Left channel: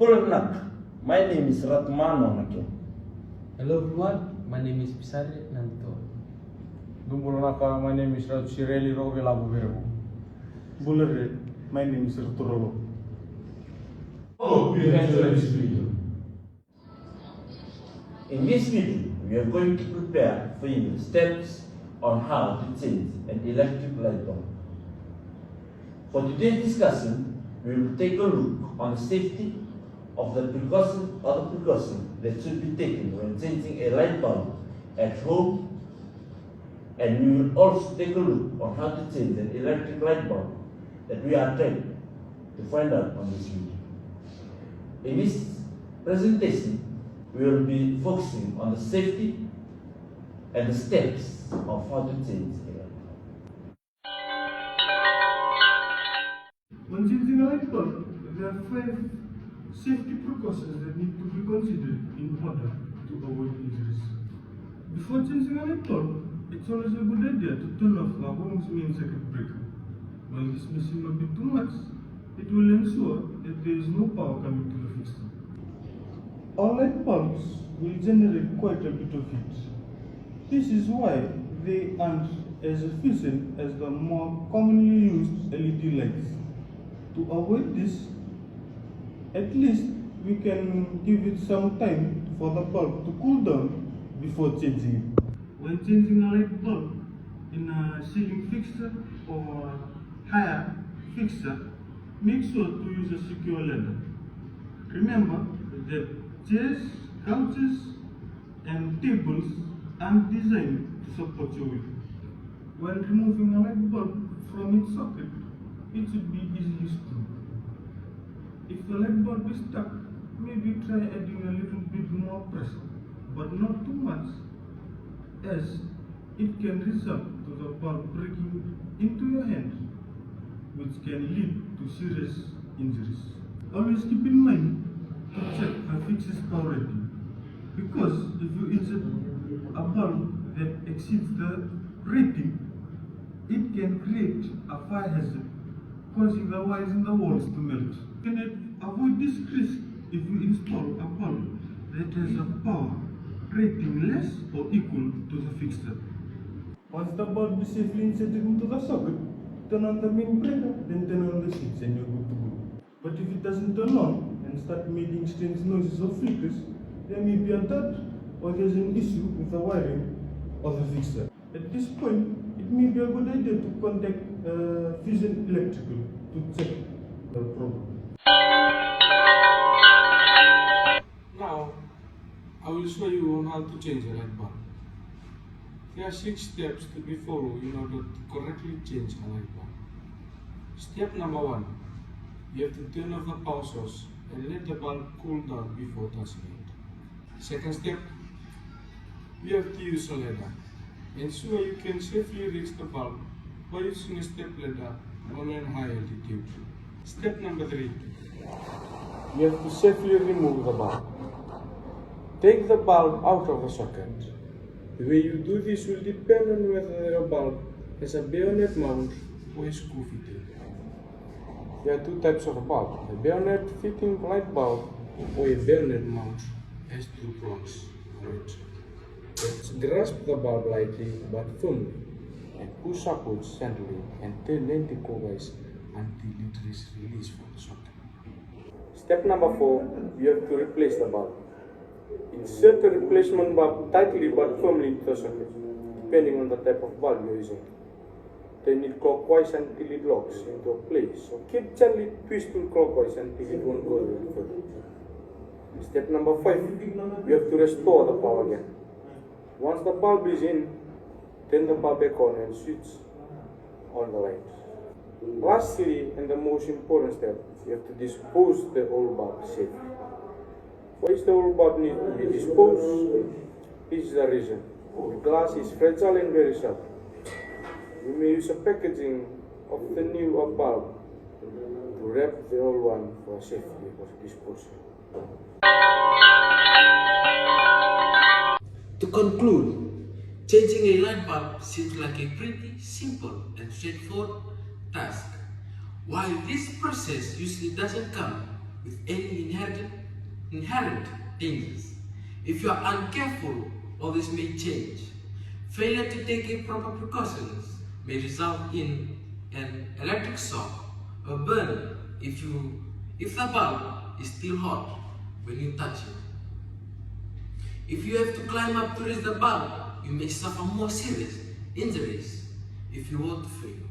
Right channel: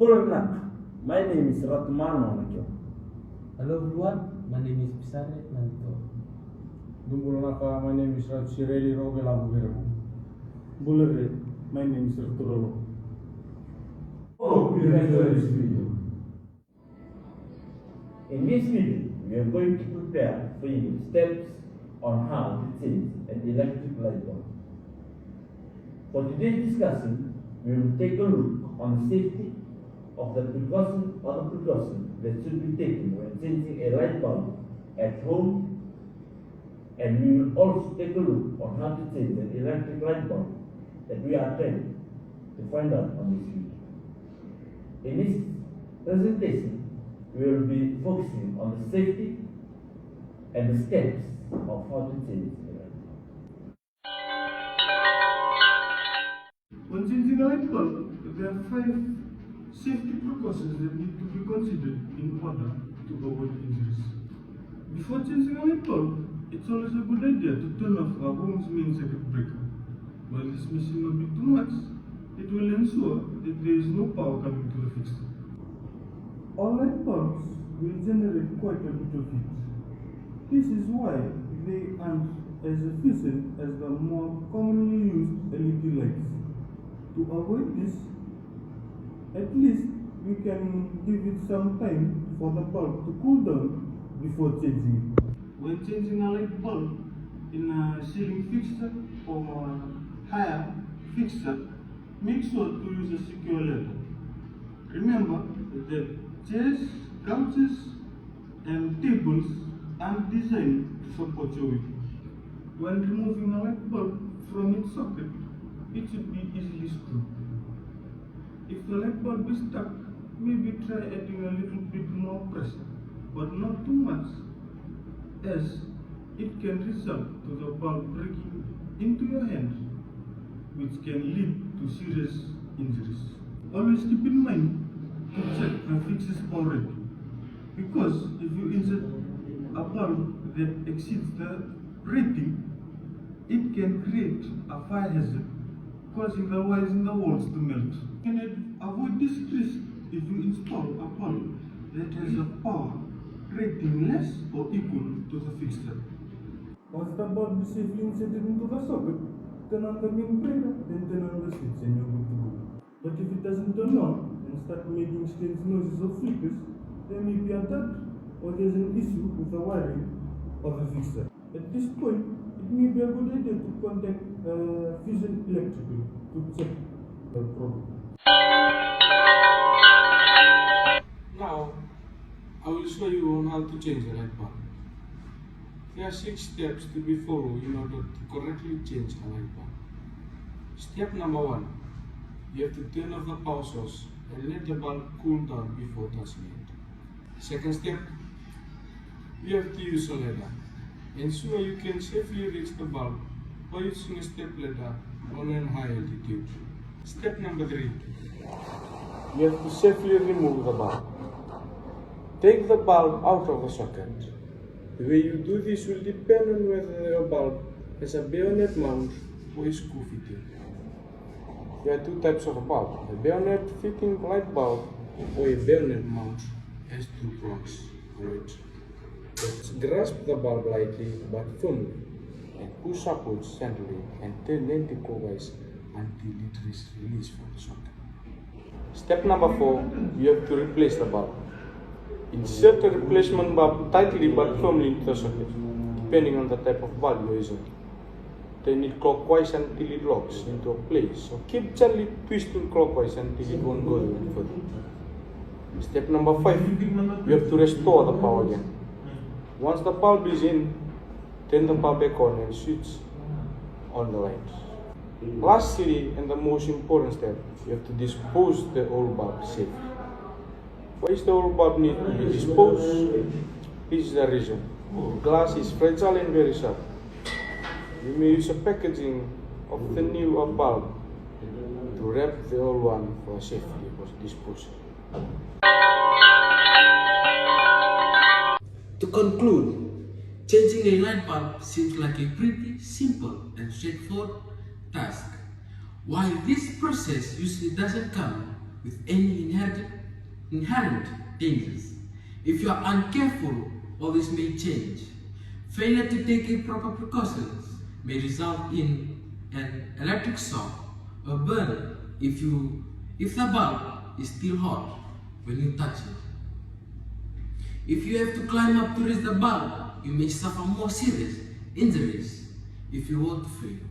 My name is Ratmano Nakyo. Hello everyone, my name is Pisare Nanto. Dumbulonaka, my name is Shireli Rovela Bugerebo. Bulare, my name is Rotoro. Oh, we enjoy this video. In this video, we are going to prepare for you steps on how to change an electric light bulb. For today's discussion, we will take a look on the safety of the precaution that should be taken when changing a light bulb at home, and we will also take a look on how to change an electric light bulb that we are trying to find out on this video. In this presentation, we will be focusing on the safety and the steps of how to change a light bulb. When changing a light bulb, there are 5 safety precautions that need to be considered in order to avoid injuries. Before changing a light bulb, it's always a good idea to turn off our home's main circuit breaker. While this machine may be too much, it will ensure that there is no power coming to the fixture. Our light bulbs will generate quite a bit of heat. This is why they aren't as efficient as the more commonly used LED lights. To avoid this, at least we can give it some time for the bulb to cool down before changing it. When changing a light bulb in a ceiling fixture or higher fixture, make sure to use a secure ladder. Remember that chairs, couches, and tables are designed to support your weight. When removing a light bulb from its socket, it should be easily screwed. If the light bulb is stuck, maybe try adding a little bit more pressure, but not too much, as it can result to the bulb breaking into your hand, which can lead to serious injuries. Always keep in mind to check a fixture's power rating, because if you insert a bulb that exceeds the rating, it can create a fire hazard, causing the wires in the walls to melt. You can avoid this risk if you install a bulb that has a power rating less or equal to the fixture. Once the bulb is safely inserted into the socket, turn on the main breaker, then turn on the switch and you're good to go. But if it doesn't turn on and start making strange noises or flickers, there may be a dud or there's an issue with the wiring of the fixture. At this point, it may be a good idea to contact Fusion Electrical to check the problem. I will show you how to change a light bulb. There are 6 steps to be followed in order to correctly change a light bulb. Step number 1. You have to turn off the power source and let the bulb cool down before touching it. Second step. You have to use a ladder. Ensure you can safely reach the bulb by using a step ladder when on high altitude. Step number 3. You have to safely remove the bulb. Take the bulb out of the socket. The way you do this will depend on whether the bulb has a bayonet mount or a screw fitting. There are 2 types of bulb, a bayonet fitting light bulb or a bayonet mount has 2 prongs on it. Let's grasp the bulb lightly but firmly and push upwards gently and turn anti-clockwise until it is released from the socket. Step number 4, you have to replace the bulb. Insert the replacement bulb tightly but firmly into the socket, depending on the type of bulb you're using. Turn it clockwise until it locks into a place, or keep gently twisting clockwise until it won't go any further. Step number 5, you have to restore the power again. Once the bulb is in, turn the bulb back on and switch on the light. Lastly, and the most important step, you have to dispose the old bulb safely. Why is the old bulb need to be disposed? This is the reason. The glass is fragile and very sharp. You may use a packaging of the new bulb to wrap the old one for safety disposal. To conclude, changing a light bulb seems like a pretty simple and straightforward task. While this process usually doesn't come with any inherent dangers. If you are uncareful, all this may change. Failure to take proper precautions may result in an electric shock or burn if the bulb is still hot when you touch it. If you have to climb up to reach the bulb, you may suffer more serious injuries if you were to fail.